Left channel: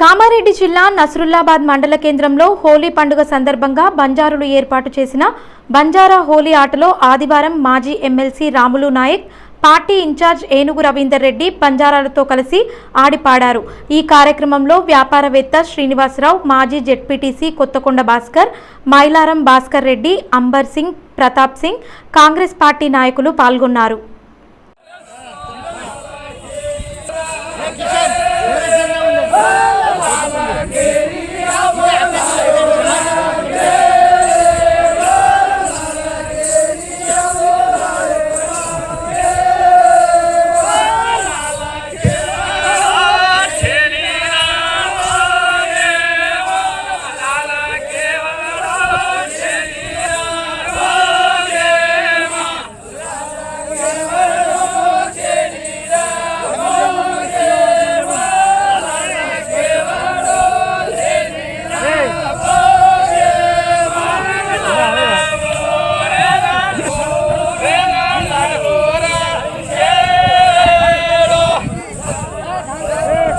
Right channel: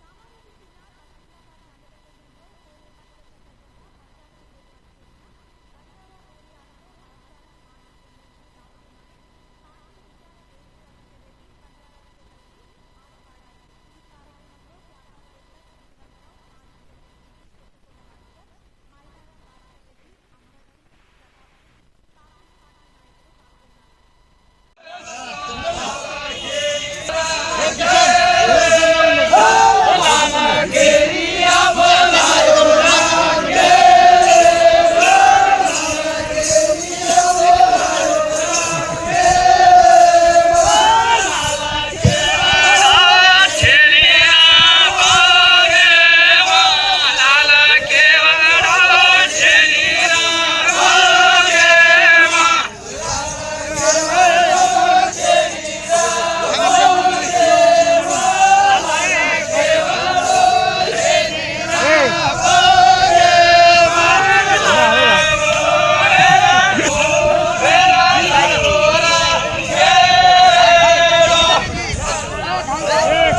కామారెడ్డి జిల్లా నసరుల్లాబాద్ మండల కేంద్రంలో హోలీ పండుగ సందర్భంగా బంజారులు ఏర్పాటు చేసిన బంజారా హోలీ ఆటలో ఆదివారం మాజీ MLC Ramulu Naik party incharge Enugu Ravinder Reddy బంజారాలతో కలిసి ఆడిపాడారు. ఈ కార్యక్రమంలో వ్యాపారవేత్త శ్రీనివాసరావు మాజీ ZPTC Kothakonda Bhaskar Mailaram Bhaskar Reddy amber Singh Pratap Singh Congress party నాయకులు పాల్గొన్నారు.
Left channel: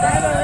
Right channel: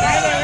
Yeah.